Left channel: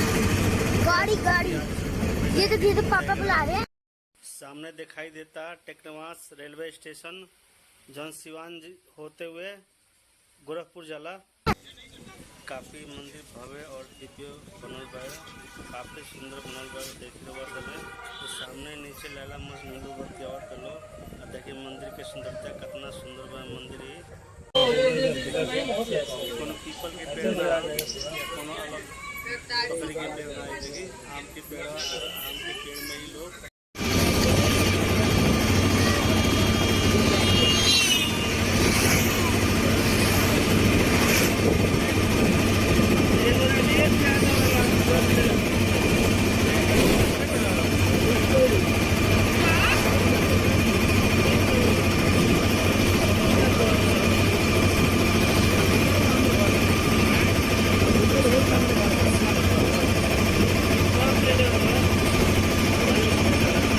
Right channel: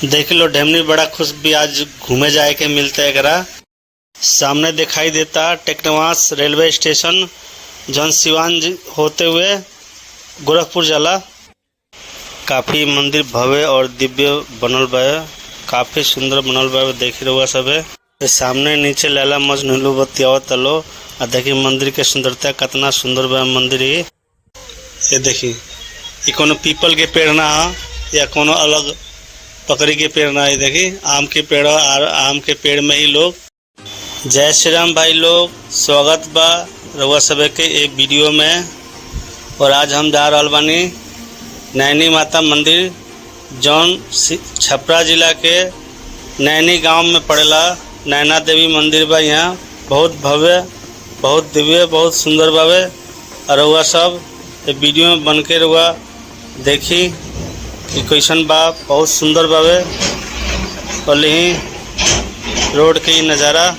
देख लो ढेमनी बड़ा खुश भी आज घूमे जाए के मिलते एकरा। सामने दिखाई देता टेक्नवास रेलवे स्टेशन जौन सिवान होते हुए गोरखपुर जाला। काफ़ी मंदिर भव्य और दिव्य बनल बा, काफ़ी सुंदर बनल बा। देख रहुआ सब है सामने नीचे लैला मजनू बतियावत लो आ देखी मंदिर के सुंदरता कितना सुंदर बा मंदिर। ये देखी ये कोनो पीपल के पेड़ ना या कोनो अलग पकड़ी के पेड़ ना है। देखी आम के पेड़ और आम के पेड़ में ही लोग। जय श्री राम भाई लोग, स्वागत बा रउआ सब के एक वीडियो में। और आज हम जा रहल बानी नैनी माता मंदिर जौन छपरा जिला के नैनी गांव में पड़ेला। नैना देवी मंदिर बा, यहाँ बहुत भव्य, बहुत दिव्य, बहुत सुंदर बावे। और रउआ सब वीडियो में बन के रउआ देखी कि कैसन बा, बहुत सुंदर बावे। और यही रोड के ही नज़ारा।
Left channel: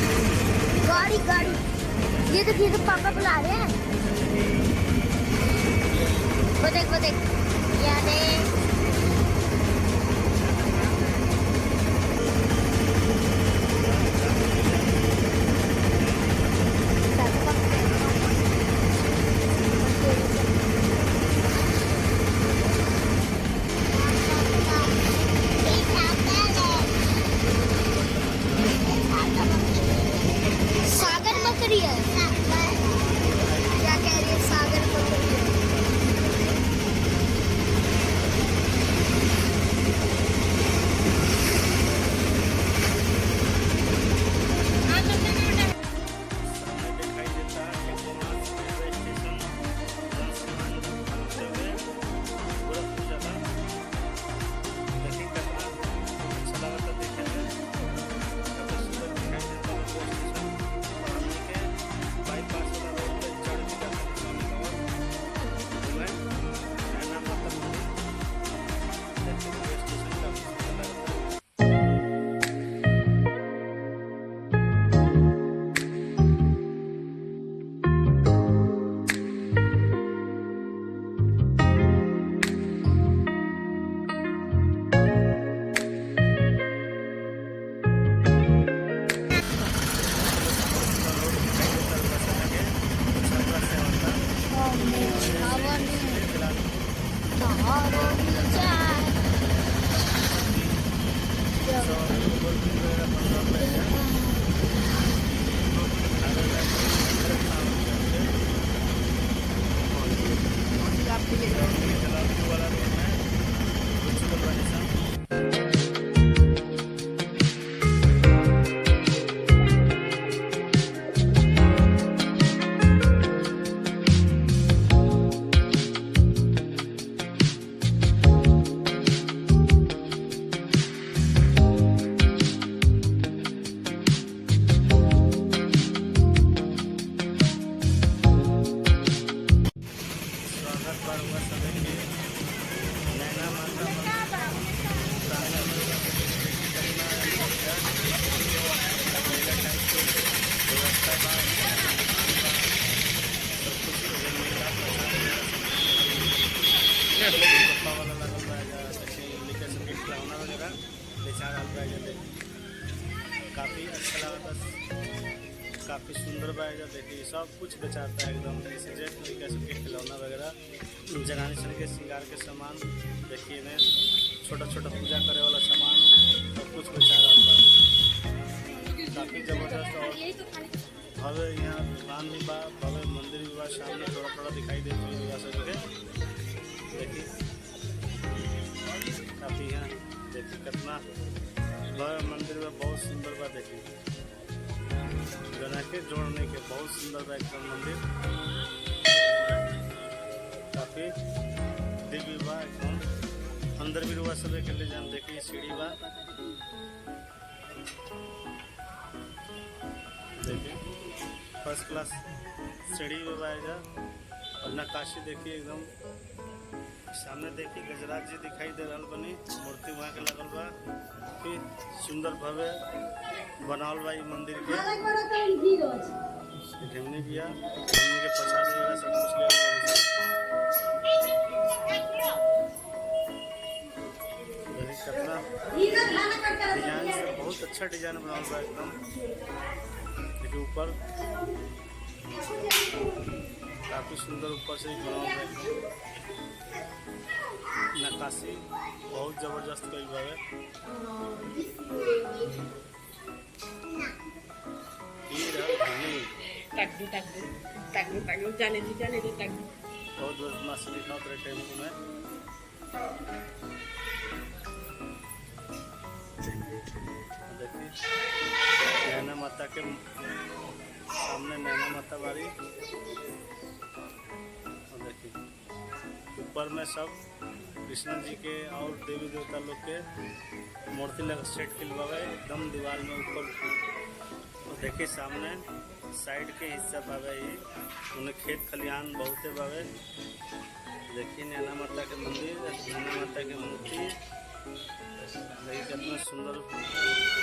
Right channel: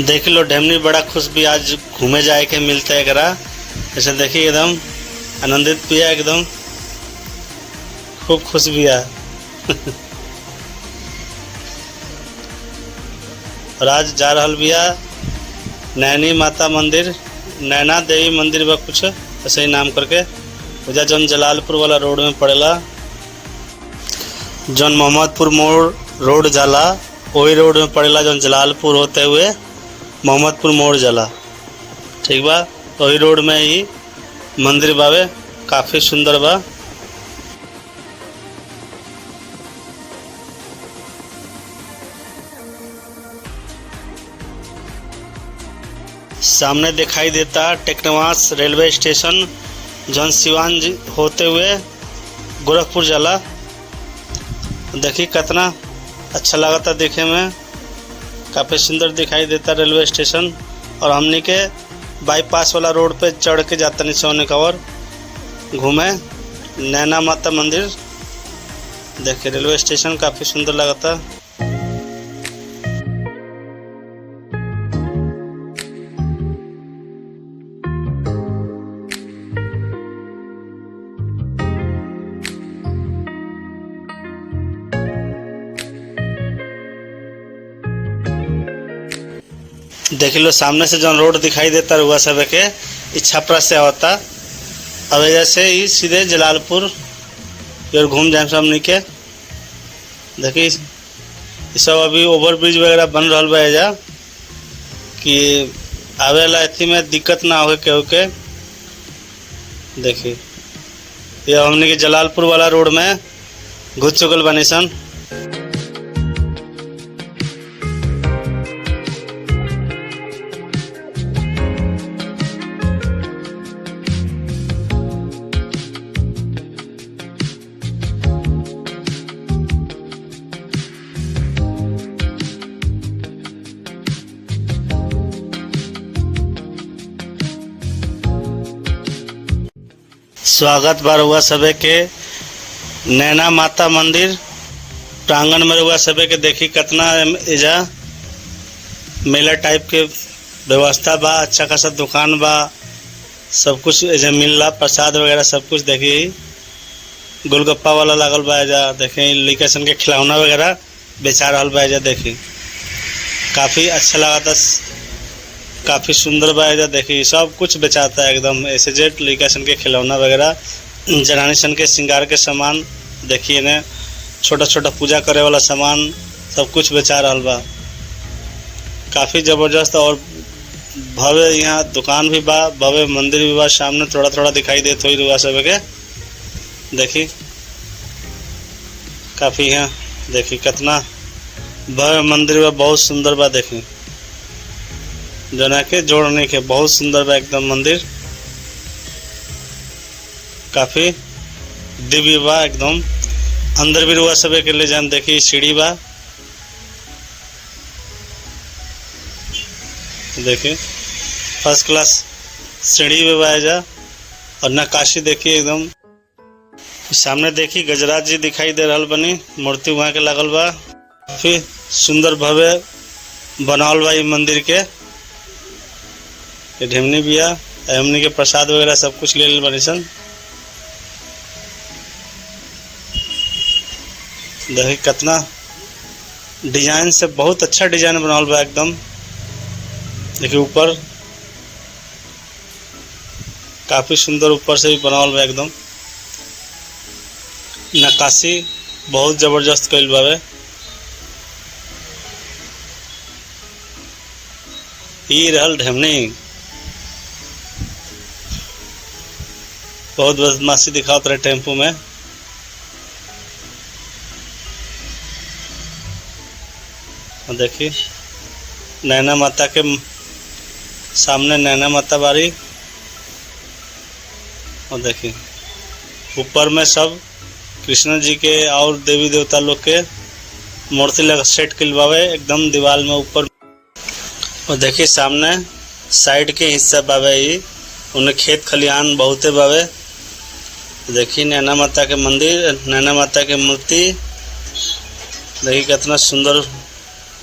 देख लो ढेमनी बड़ा खुश भी आज घूमे जाए के मिलता है एकरा। जैसे देखिए एकदम आनंदित भी है, एकदम खूब खुश भी है। और आज जा रहल बिया नैनी माता मंदिर, नैना देवी मंदिर बा कुछ ऐसे ही नाम करके। उधर जौन जलालपुर वाला रोड में पड़ेला, जौन मोहम्मदपुर मोड़ रोड जाला वही रोड में पड़ेला, जौन जलालपुर होते हुए मोहम्मदपुर मोड़ जाला। ठीक बा, वही रोड में ही मंदिर बावे, काफ़ी सुंदर बा। सामने दिखाई देता टेक्नवास रेलवे स्टेशन जौन सिवान होते हुए गोरखपुर जाला। देखिए कितना अच्छा लगता देखे में, काफ़ी सुंदर दिखाई देता रेलवे स्टेशन। और हमने के बाईपास वाला रोड पे चढ़ के जाता नहीं सोने कवर घूमे नैना माता मंदिर। देखिए रेलवे स्टेशन काफ़ी सुंदर लगता। देख लो सामने से जो रोड दिखाई देता हुआ सब के छपरा से आवता। अब जैसे ही सीधे जलालपुर और घूम जाए सामने के। देखिए सब अभी ओवर ब्रिज वगैरह बन रहा बा एजा कि आवे ला इतनी में दिक्कत ना हो के। देखिए ये हमने के जलालपुर वाला रोड में घुस चुकल बनी सन। स्वागत बा रउआ सबे के नैना माता मंदिर प्रांगण में। रउआ सबे के देखी कितना एजा मेला टाइप के व्यवस्था बा, अच्छा खासा दुकान बा, सब कुछ एजा मिलला, प्रसाद वगैरह सब कुछ। देखी गोलगप्पा वाला लागल बा एजा। देखी लड़का सन के खिलौना वगैरह बेचा रहल बा एजा। देखी काफ़ी अच्छा लगा, काफ़ी सुंदर बा एजा। देखी सब कुछ बेचाता है एकदम ऐसे जेट लड़का सन के खिलौना वगैरह, जनानी सन के श्रृंगार के सामान। देखिए ने छोटा छोटा पूजा करे वाला सामान सब कुछ बेचा रहल बा। काफ़ी ज़बरदस्त और भव्य यहाँ दुकान भी बा, भव्य मंदिर भी बा। सामने थोड़ा थोड़ा दिखाई देते हुई रुआ सब के। देखी काफ़ी यहाँ देखी कितना भव्य मंदिर बा, बहुत सुंदर बा। देखी जना के जोड़ने के बहुत सुंदर बा एकदम मंदिर, काफ़ी दिव्य बा एकदम। अंदर भी रुआ सब के ले जान। देखिए सीढ़ी बा, देखिए फर्स्ट क्लास सीढ़ी भी बा जा। और नक्काशी देखिए एकदम। सामने देखिए गजराज जी दिखाई दे रहल बनी, मूर्ति वहाँ के लागल बा। फिर सुंदर भव्य बनावल बा ये मंदिर के। ढेमनी बिया, हमनी के प्रसाद वगैरह सब कुछ ले लेल बनी सन। देखिए कितना डिजाइन से, बहुत अच्छा डिजाइन बनावल बा एकदम। देखिए ऊपर काफी सुंदर ऊपर से भी बनावल बा एकदम। नक्काशी बहुत जबरदस्त कइल बावे। ई रहल ढेमनी, बहुत बदमाशी दिखावत रहे टेम्पू में। देखिए नैना माता के सामने नैना माता बारी। और देखिए ऊपर में सब कृष्ण जी के और देवी देवता लोग के मूर्ति लगा सेट किलवावे एकदम दीवार में ऊपर। और देखिए सामने साइड के हिस्सा बावे, ही उन्हें खेत खलिहान बहुते बावे। देखिए नैना माता के मंदिर, नैना माता के मूर्ति देखिए कितना सुंदर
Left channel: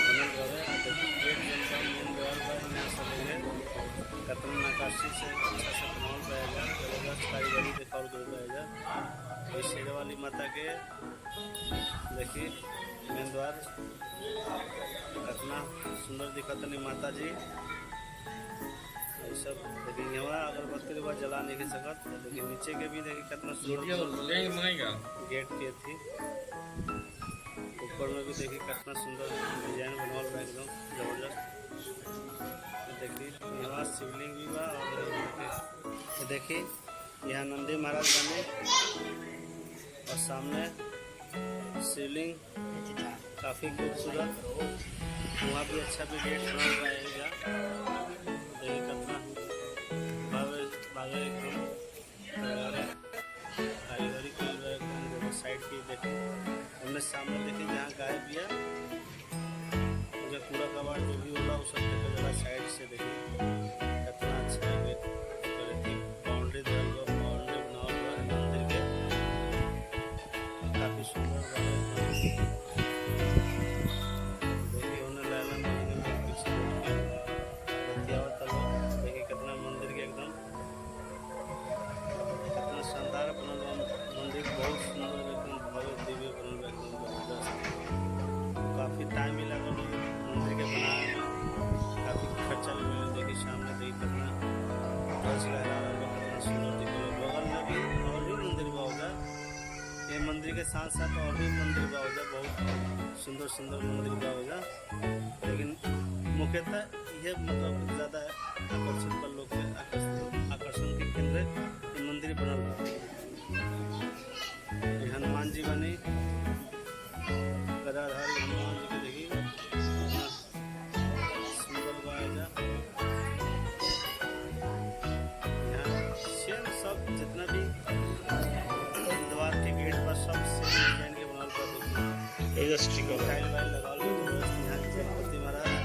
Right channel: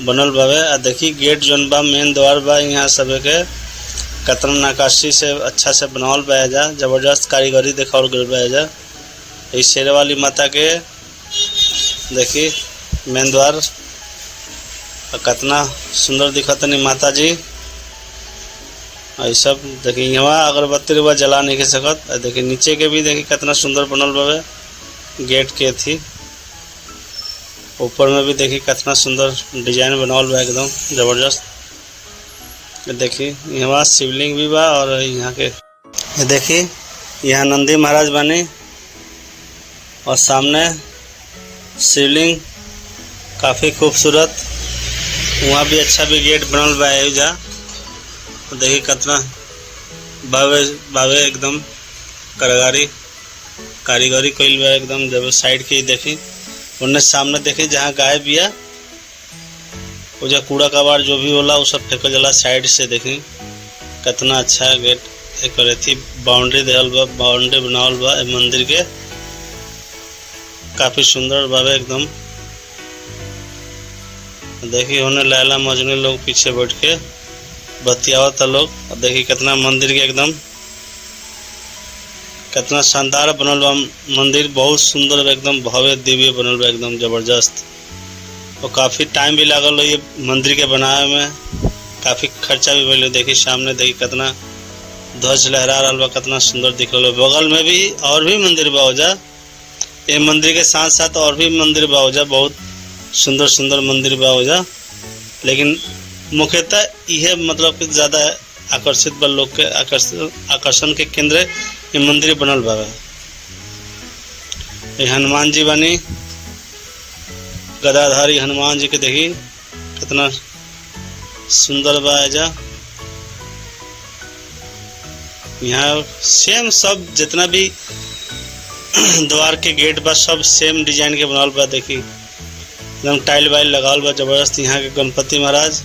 बनल बावे। आ देखिए गेट जोन बा मेन द्वार बा, यहाँ सब के कितना नक्काशी से अच्छा से बनावल बा जा। जबरदस्त कारीगरी दिखावल गइल बा जा। ये शेर वाली माता के देखिए मेन द्वार, और कितना सुंदर दिखतनी माता जी। और सब देखिए यहाँ अगरबत्ती रुआ जला नहीं के सकत। देखिए नीचे के भी देखिए कितना सुंदर बनल बावे गेट के थी। ऊपर में भी देखिए कितना सुंदर डिजाइन बनावल बा एकदम जबरदस्त। देखिए यहाँ शिवलिंग भी बा। और यहाँ के देखिए यहाँ नंदी महाराज बने, और सामने शिवलिंग काफ़ी खूबसूरत। वहाँ भी अच्छा भी गेट बनल बा जा। देखिए कितना बावे बावे एकदम कारीगरी कइल बा एकदम। जब साइड के देखी उन्हें सामने देखी जहाँ गाय बिया, वो जो कूड़ा कबाड़ जो भी होला वो सब फेंकल जाला साइड से। देखी कितना अच्छा गेट करे थी। बाउंड्री देहल बा, बाउंड्री बनावल बा मंदिर के, काफी सुंदर बावे एकदम। देखिए उन्हें लैला मजनू लोग पीछे बैठ के बतियावत लोग। देखिए कितना मंदिर के एकदम कितना शानदार बनल बा मंदिर, बहुत सुंदर एकदम भव्य दिव्य बनल बा एकदम जबरदस्त। और काफ़ी टाइम भी लागल ये मंदिर के बनाए में, काफ़ी खर्चा भी भइल। देखिए सामने देखिए कितना ध्वज लहरा रहा बा, कितना सुंदर दिख रहा। बगल में भी और भी मंदिर बा जा। ये मंदिर के साथ साथ और भी मंदिर बा जा, बहुत सुंदर सुंदर मंदिर बा जा। लेकिन मुख्यतः यह मतलब कि ज़्यादा आकर्षित बा लोग के आकर्षण के केंद्र ये मंदिर बनल बा। ये हनुमान जी बनी, गदाधारी हनुमान जी के देखी कितना सुंदर बा जा। यहाँ सेम सब जितना भी द्वार के गेट बा सब सेम डिजाइन के बनावल बा। देखी एकदम टाइल वाइल लगावल बा जबरदस्त। यहाँ के गणपति महाराज,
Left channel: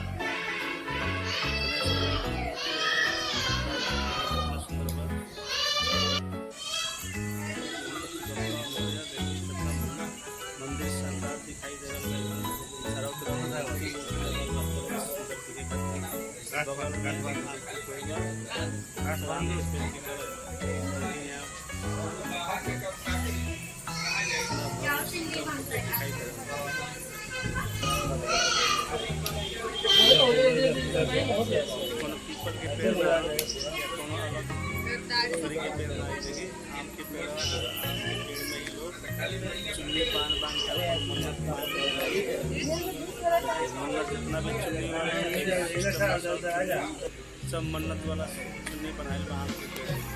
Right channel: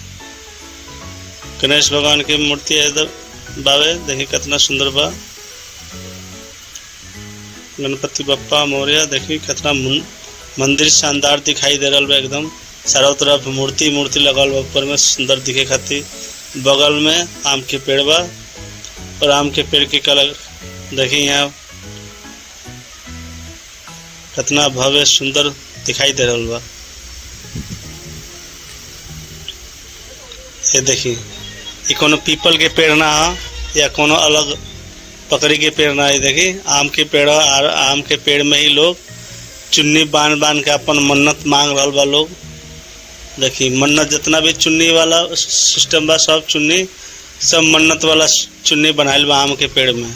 गणेश भगवान की मूर्ति है इधर बावे। देखिए कितना सुंदर बा गणपति बप्पा मौर्य। देखिए कितना मंदिर शानदार दिखाई दे रहा बा एकदम। चारों तरफ मूर्ति लगल बा ऊपर में सुंदर दिखे खातिर। बगल में आम के पेड़ बा, और आम के पेड़ की कलर देखिए यहाँ कितना भव्य सुंदर दिखाई दे रहा बा। ये देखिए ये कोनो पीपल के पेड़ ना है या कोनो अलग पकड़ी के पेड़ ना है। देखिए आम के पेड़, और आम के पेड़ में ही लोग चुन्नी बांध के अपन मन्नत मांग रहा बा लोग। देखिए मन्नत जितना भी चुन्नी वाला सिस्टम बा सब चुन्नी सब मन्नत वाला चुन्नी बनाइल बा आम के पेड़ में।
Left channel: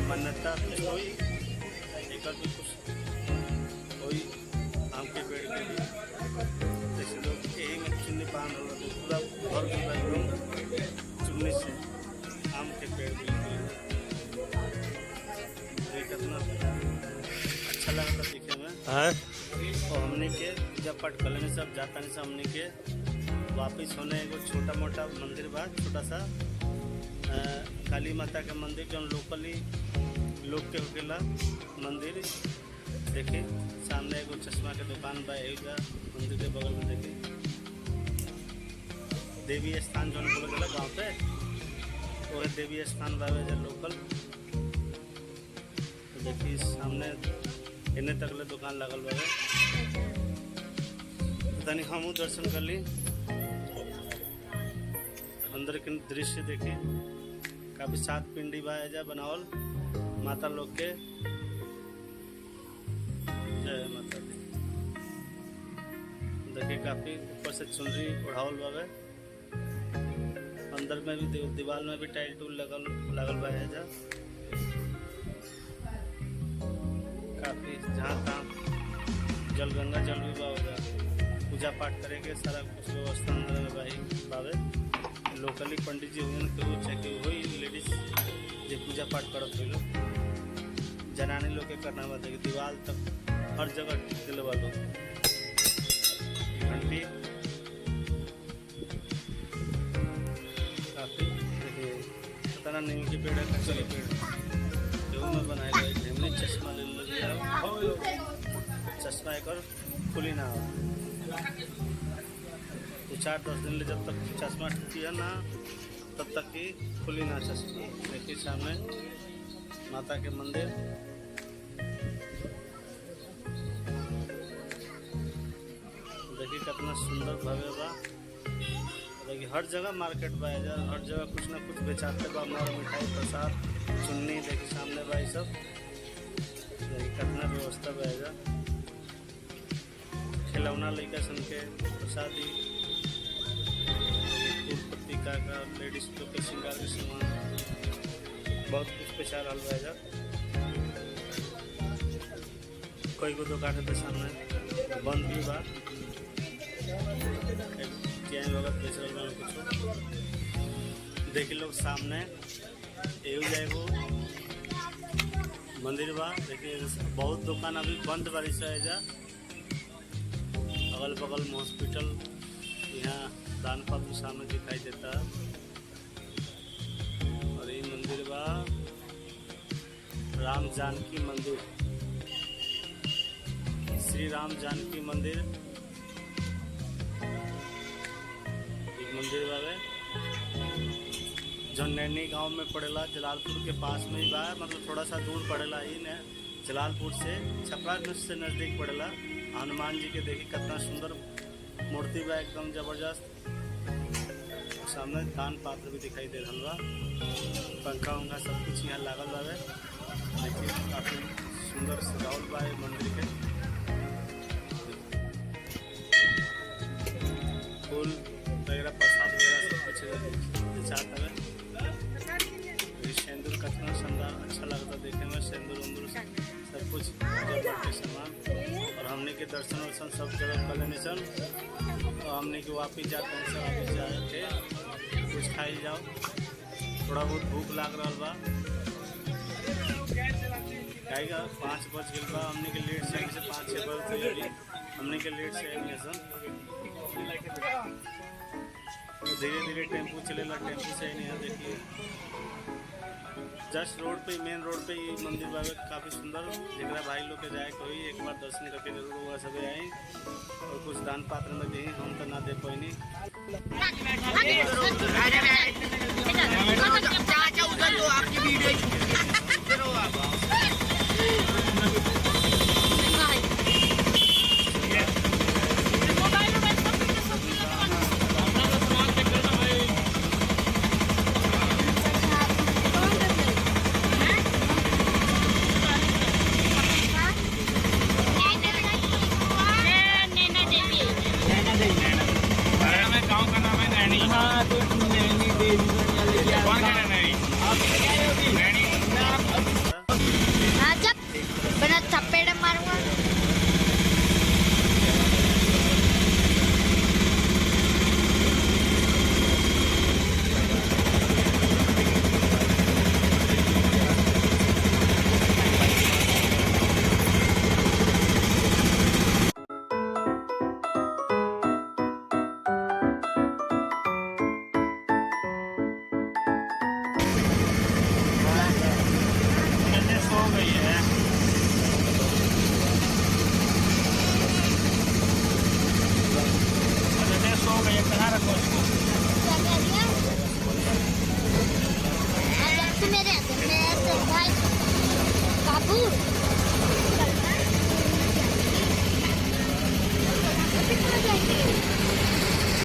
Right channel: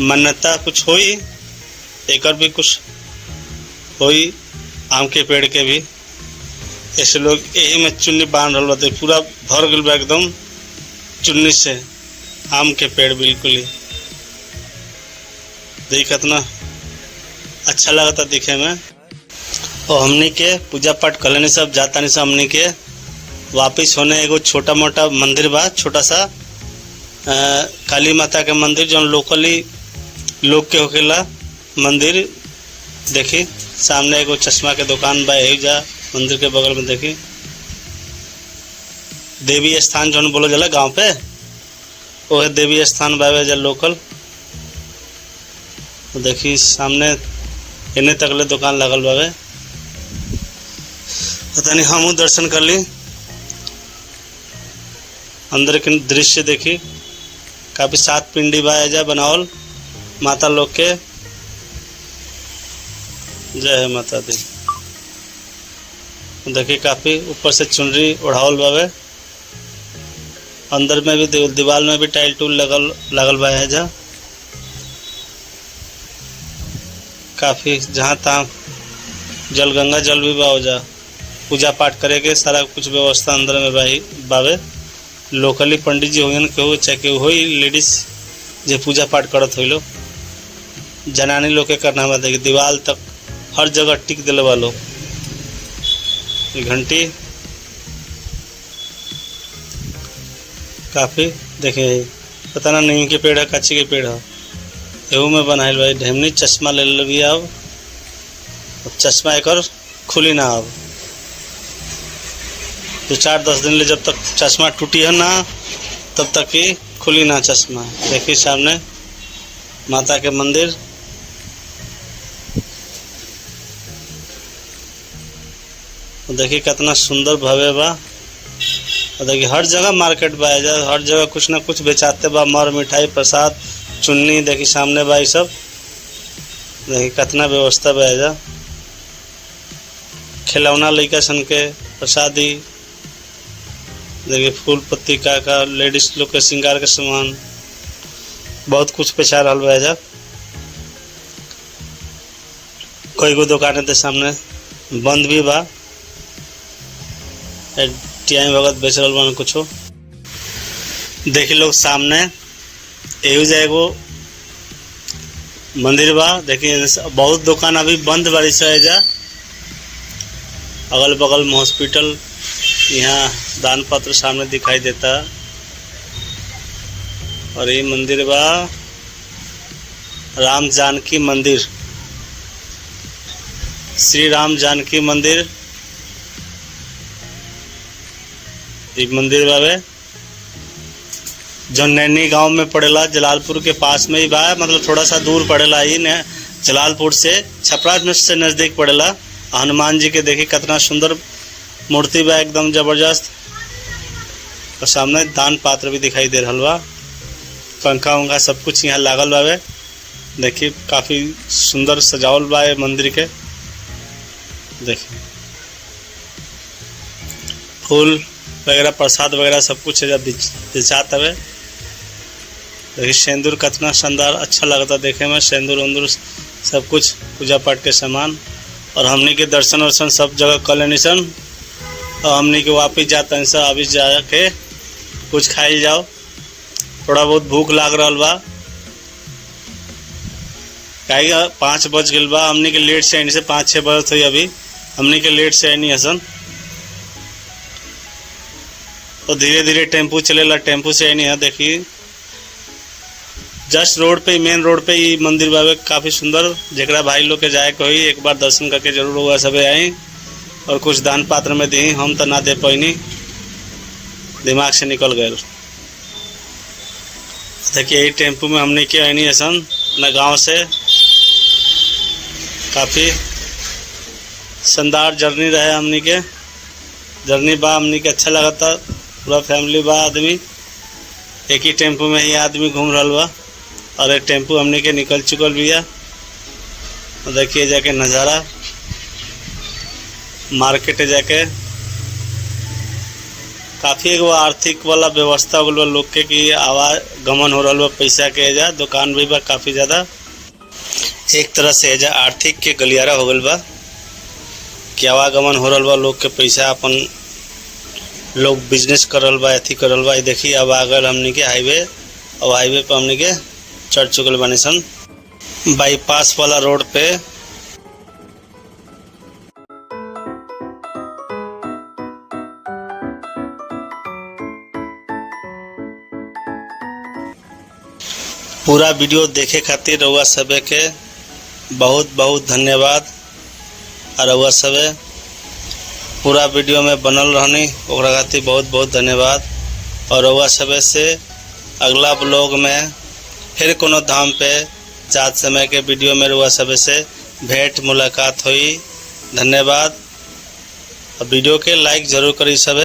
मन्नता कुछ होई एकर भी कुछ होई आम के पेड़ के भी। ऐसे लोग यही में चुन्नी बांध रहा बा। पूरा भर गल बा एकदम चुन्नी से आम के पेड़ बिल्कुल ही। देखिए कितना अच्छा लगता दिखे में। और हमनी के पूजा पाठ कर लेने सब जाता नहीं सब हमनी के वापिस होने एगो छोटा मोटा मंदिर बा, छोटा सा काली माता के मंदिर जो लोकली लोग के होकेला मंदिर। देखी सामने एगो चश्मा के दुकान बा, यही जा मंदिर के बगल में देखी देवी स्थान जो बोलो जाला गांव पे, वो है देवी स्थान बावे जा लोकल। तो देखी सामने इन्हें तकले दुकान लगल बावे। पता नहीं हमू दर्शन कर ली, अंदर के दृश्य देखी काफी 7 पिंडी बा जा बनावल माता लोग के। जय है माता दी। देखिए काफी ऊपर से चुनरी ओढ़ावल बावे, अंदर में भी दीवार में भी टाइल टूल लगल बा है जा। काफी जहाँ तहाँ जल गंगा जल भी बा जा, पूजा पाठ करे के सारा कुछ व्यवस्था अंदर में बावे। लोकली पंडित जी होन केहू चाहे केहू हो लेडीज जे पूजा पाठ करत हो लो, जनानी लोग के करना बा। देखिए दीवार तक हर जगह टिक दिले बा लोग। घंटी काफी देखे पता ना नीम के पेड़ है कच्ची के पेड़ है, एहू में बनाइल भाई ढेमनी। चश्मा ले ली अब चश्मा एक खुली ना अब तो 4-10 दिन ले जब तक चश्मा टूटी है ना तब तक ही खुली ना चश्मा। देखिए सामने माता के मंदिर। देखिए कितना सुंदर भव्य बा। देखिए हर जगह मार्केट बा, हर जगह कुछ ना कुछ बेचाते बा, मर मिठाई प्रसाद चुन्नी। देखिए सामने बा सब। देखिए कितना व्यवस्था बा, खिलौना लड़का सन के प्रसादी। देखिए फूल पत्ती का लेडीज लोग के श्रृंगार के सामान बहुत कुछ बेचा रहा बा। कोई को दुकान के सामने बंद भी बा, टियाई भगत बेच रहा बा कुछो। देखिए लोग सामने एहू जाएगो मंदिर बा। देखिए बहुत दुकान अभी बंद बारी से जा, अगल बगल में हॉस्पिटल, यहाँ दान पत्र सामने दिखाई देता। और ये मंदिर बा राम जानकी मंदिर, श्री राम जानकी मंदिर। एक मंदिर बावे जो नैनी गांव में पड़ेला, जलालपुर के पास में ही बा, मतलब थोड़ा सा दूर पड़ेला ही ने, जलालपुर से छपरा से नज़दीक पड़ेला। हनुमान जी के देखिए कितना सुंदर मूर्ति बा, एकदम जबरदस्त। और सामने दान पात्र भी दिखाई दे रहा बा, पंखा उंखा सब कुछ यहाँ लागल बावे। देखिए काफ़ी सुंदर सजावल बा मंदिर के। देखिए फूल वगैरह प्रसाद वगैरह सब कुछ बेचात हवे। देखिए सिंदूर कितना शानदार अच्छा लगता देखे में, सिंदूर उंदूर सब कुछ पूजा पाठ के सामान। और हमनी के दर्शन वर्शन सब जगह कर लेनी सन, और हमनी के वापिस जाता नहीं सर। अभी जाके कुछ खाई जाओ, थोड़ा बहुत भूख लाग रहा बा। कहीं 5 बज गए बा, हमनी के लेट से आनी से 5-6 बजे हुई। अभी हमनी के लेट से आनी हसन, तो धीरे धीरे टेम्पू चलेला, टेम्पू से आनी है। देखिए जस्ट रोड पे, मेन रोड पे ही मंदिर बाबे काफ़ी सुंदर। जरा भाई लोग के जाए कोई एक बार दर्शन करके जरूर हुआ सबे आई, और कुछ दान पात्र में दी। हम तो ना दे पैनी, दिमाग से निकल गए। देखिए यही टेम्पू में हमने के आनी हसन अपना गाँव से। काफ़ी शानदार जर्नी रहे हमनी के, जर्नी बा हमनी के अच्छा लगा था। पूरा फैमिली बा आदमी, एक ही टेम्पू में ही आदमी घूम रहा बा, और एक टेम्पू हमने के निकल चुकल भी है। देखिए जाके नज़ारा मार्केट जाके काफ़ी एगो आर्थिक वाला व्यवस्था हो गल लोग के कि आवागमन हो रहा बा, पैसा के एजा दुकान भी बा काफ़ी ज़्यादा। एक तरह से एजा आर्थिक के गलियारा हो गल बा कि आवागमन हो रहा बा, लोग के पैसा अपन लोग बिजनेस कर रहा बा, अथी कर रहा बा। देखिए अब आ गए हमने के हाईवे, और हाईवे पर हमने के चढ़ चुकल बानी सन। बाईपास वाला रोड पे पूरा वीडियो देखे खातिर रउआ सबे के बहुत बहुत धन्यवाद। और रउआ सबे पूरा वीडियो में बनल रहनी ओकरा खातिर बहुत बहुत धन्यवाद। और रउआ सबे से अगला ब्लॉग में फिर कोनो धाम पे चाँद समय के वीडियो में रउआ सबे से भेंट मुलाकात हुई। धन्यवाद। वीडियो के लाइक जरूर करी सबे।